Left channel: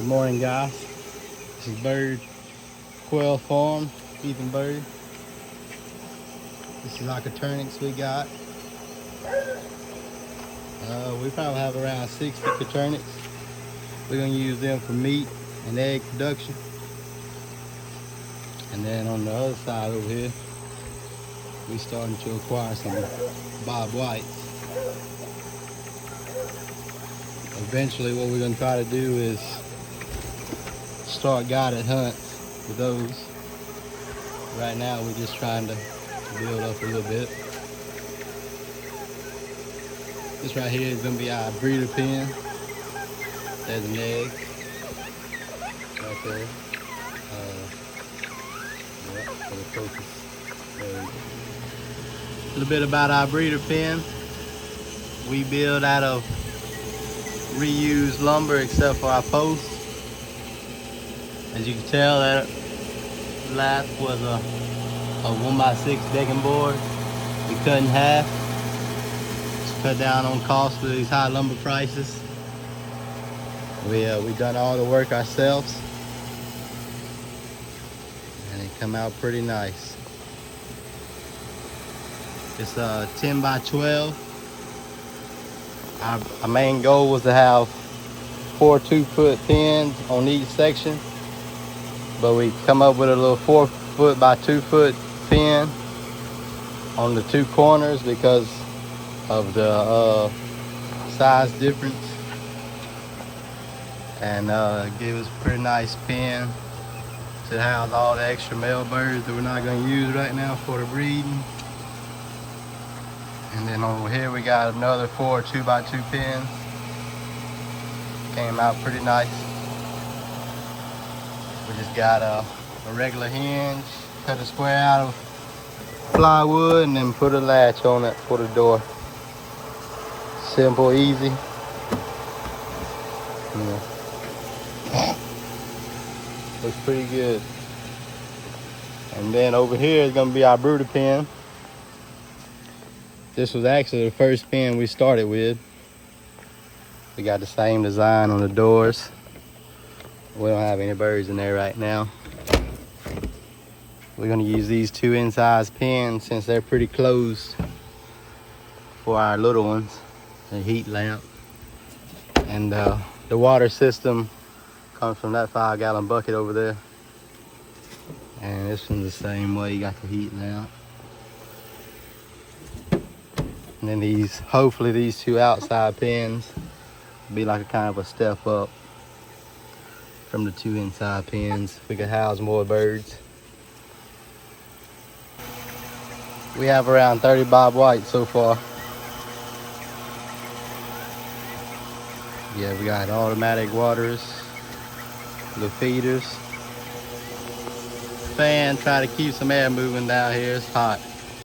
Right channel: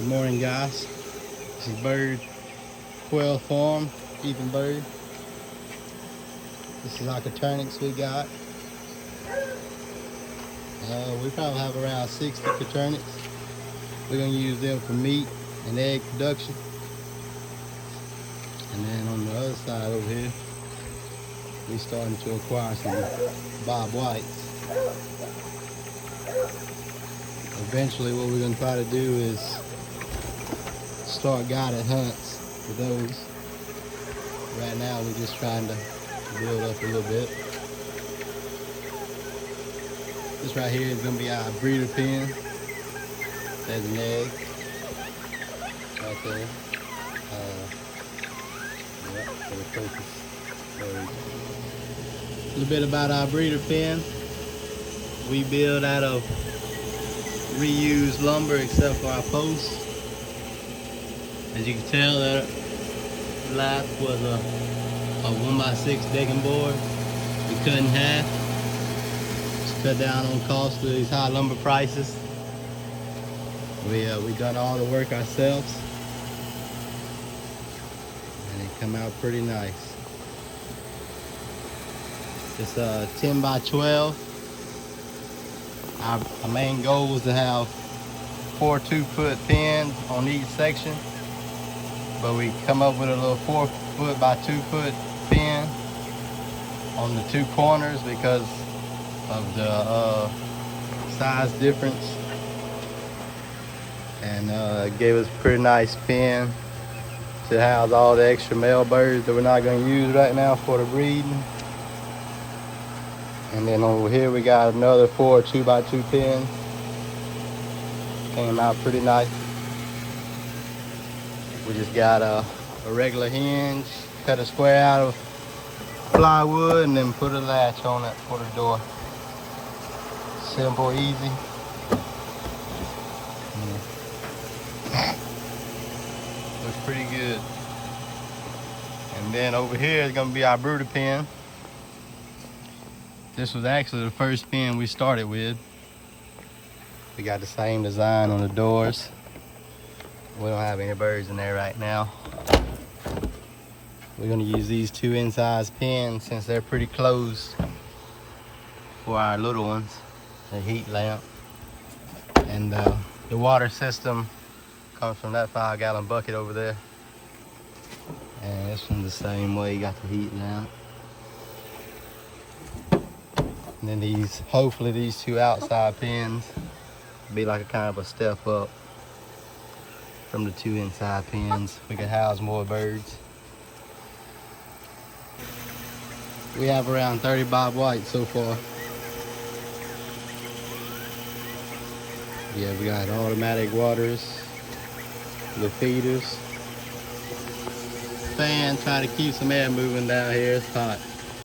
Good morning, guys. This is Bird Quail Farm, keeping bird. This is our coturnix we got. We probably have around 60 coturnix. We're gonna use them for meat and egg production. And then on the other side over here, we're starting to acquire some bob whites. Eventually what we're gonna try to do is start guided hunts for those. Right now we're just trying to build up a little bit. This right here is gonna be our breeder pen. There's an egg right there. Focus. A little bit about our breeder pen. We build out of reused lumber except for our posts. As you can tell, that last was a 1x6 decking board. We cut in half to cut down on costs with these high lumber prices. We done all the work ourselves, and it come out pretty nice. It's 10 by 12. Our main goal was to have 4 2-foot pins on each section, but we come up with a little 4-foot by 2-foot pin on the 2 corners because of the size difference, and it gave us a pretty nice pin to house all the extra male birds that we're not going to use right now for the breeding. And then over here we got another 4 2x2 pins. Came out pretty nice. We just got a regular hinge, cut a square out of plywood, and then put a latch on it for the door. Simple, easy. Yeah. Looks pretty good. And then over here is gonna be our brooder pen. This was actually the first pen we started with. We got the same design on the doors. We don't have any birds in there right now. We're gonna use these 2 incised pins since they're pretty close for our little ones. And heat lamp. And the water system comes from that 5-gallon bucket over there. And this one's the same way, you got the heat lamp. And then these, hopefully these 2 outside pins will be like a kind of a step up from the 2 inside pins. We could house more birds. We have around 30 bob whites so far. Yeah, we got automatic waters, the feeders. Fan, try to keep some air moving down here, it's hot.